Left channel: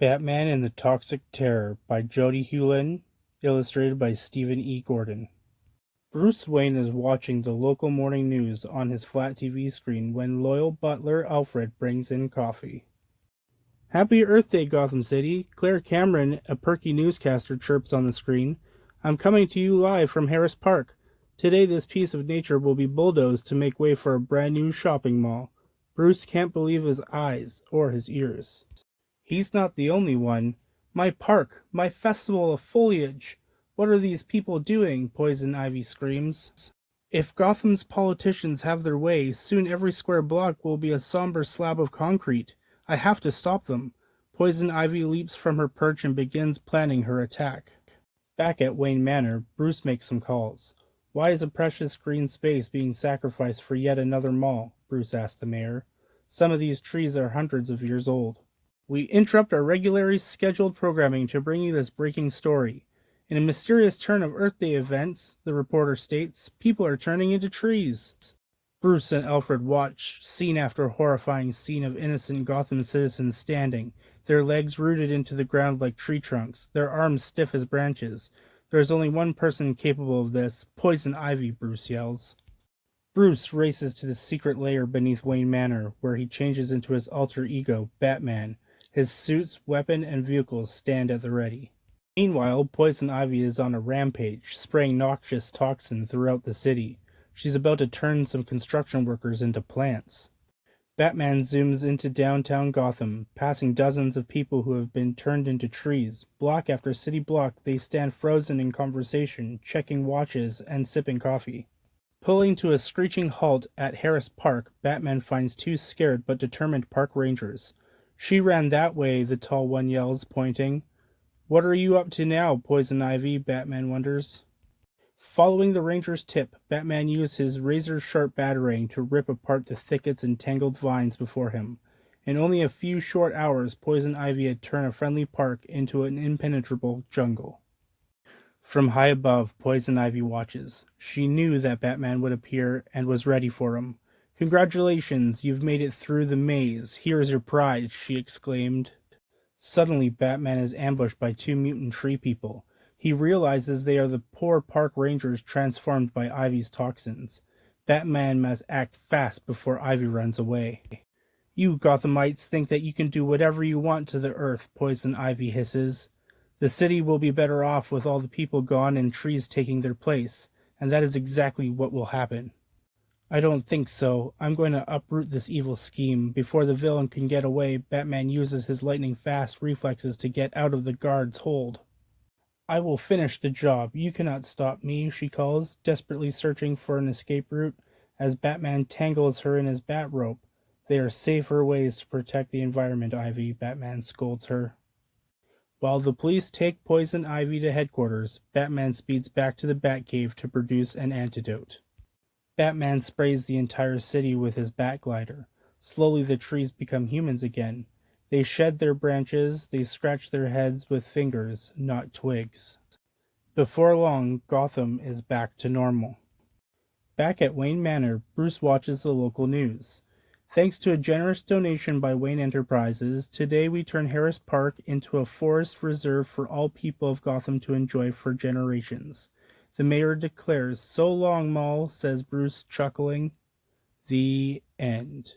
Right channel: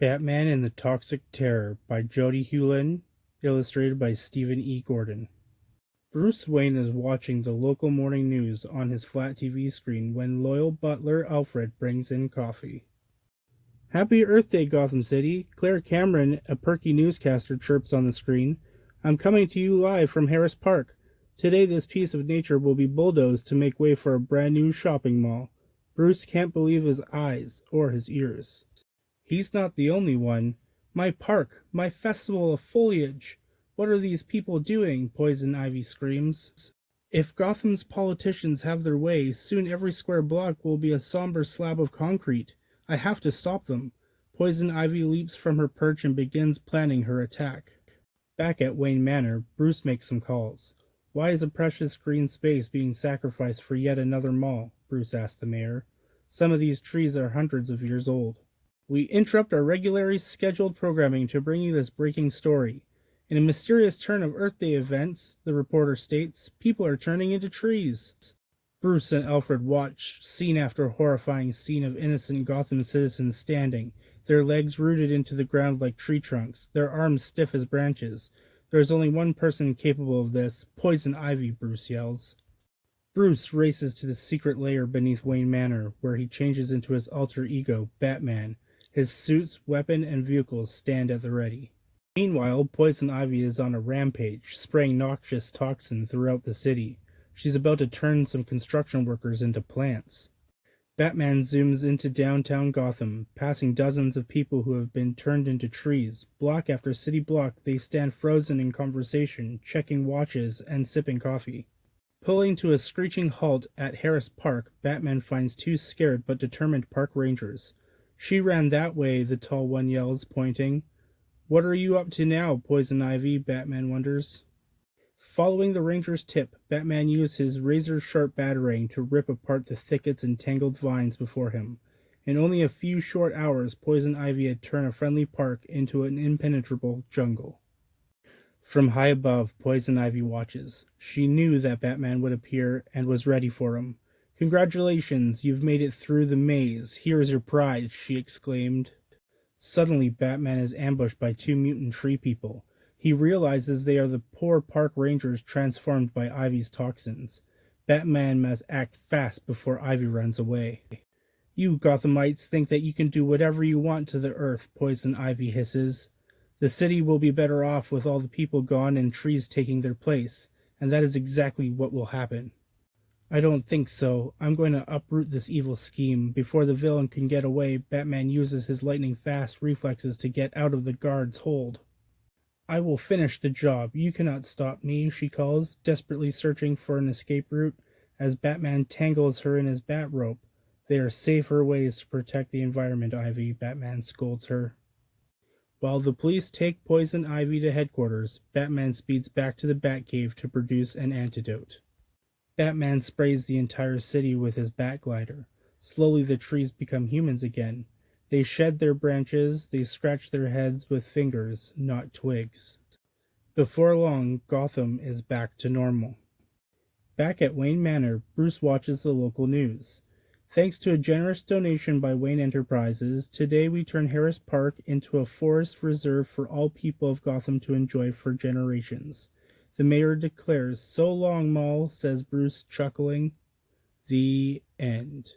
Batman and the Toxic Terror by Jodi Huelin, illustrated by Stephen E. Gordon. Bruce Wayne is watching the local morning news on his flat TV screen when loyal butler Alfred brings in coffee. Happy Earth Day, Gotham City! Claire Cameron, a perky newscaster, chirps on the screen. I'm coming to you live from Harris Park. Today this piece of nature will be bulldozed to make way for a brand new shopping mall. Bruce can't believe his eyes or his ears. He's not the only one. My park, my festival of foliage. What are these people doing? Poison Ivy screams. If Gotham's politicians have their way, soon every square block will be a somber slab of concrete. I have to stop them. Poison Ivy leaps from her perch and begins planning her attack. Back at Wayne Manor, Bruce makes some calls. Why is a precious green space being sacrificed for yet another mall? Bruce asks the mayor. Some of these trees are hundreds of years old. We interrupt our regularly scheduled programming to bring you this breaking story. In a mysterious turn of Earth Day events, the reporter states, people are turning into trees. Bruce and Alfred watch scene after horrifying scene of innocent Gotham citizens standing, their legs rooted into the ground like tree trunks, their arms stiff as branches. There is only one person capable of this, Poison Ivy, Bruce yells. Bruce races to the secret lair beneath Wayne Manor, where he changes into his alter ego, Batman. His suits, weapon, and vehicles stand at the ready. Meanwhile, Poison Ivy is on a rampage, spraying noxious toxin throughout the city. She's about to turn some construction workers into plants. Batman zooms into downtown Gotham, passing dozens of people who have been turned into trees. Block after city block, they stand frozen in conversation, checking watches and sipping coffee. Pulling to a screeching halt at Harris Park, Batman finds two scared but determined park rangers. She ran that way, the tall one yells, pointing. What are you up to now, Poison Ivy? Batman wonders. Following the ranger's tip, Batman used his razor-sharp batarang to rip apart the thickets and tangled vines before him. In only a few short hours, Poison Ivy had turned a friendly park into an impenetrable jungle. From high above, Poison Ivy watches. She knew that Batman would appear and was ready for him. Congratulations, you've made it through the maze. Here is your prize, she exclaimed. Suddenly, Batman is ambushed by two mutant tree people. He realizes they are the poor park rangers transformed by Ivy's toxins. Batman must act fast before Ivy runs away. You Gothamites think that you can do whatever you want to the earth, Poison Ivy hisses. The city will be better off with all the people gone and trees taking their place, and that is exactly what will happen. I don't think so. I'm going to uproot this evil scheme. Before the villain can get away, Batman uses his lightning-fast reflexes to get out of the guard's hold. I will finish the job. You cannot stop me, she calls, desperately searching for an escape route. As Batman tangles her in his bat rope. There are safer ways to protect the environment, Ivy, Batman scolds her. While the police take Poison Ivy to headquarters, Batman speeds back to the Batcave to produce an antidote. Batman sprays the entire city with his bat glider. Slowly the trees become humans again. They shed their branches, they scratch their heads with fingers, not twigs. Before long, Gotham is back to normal. Back at Wayne Manor, Bruce watches the local news. Thanks to a generous donation by Wayne Enterprises, today we turn Harris Park into a forest reserve for all people of Gotham to enjoy for generations. The mayor declares, "So long, Mall," says Bruce, chuckling. The end.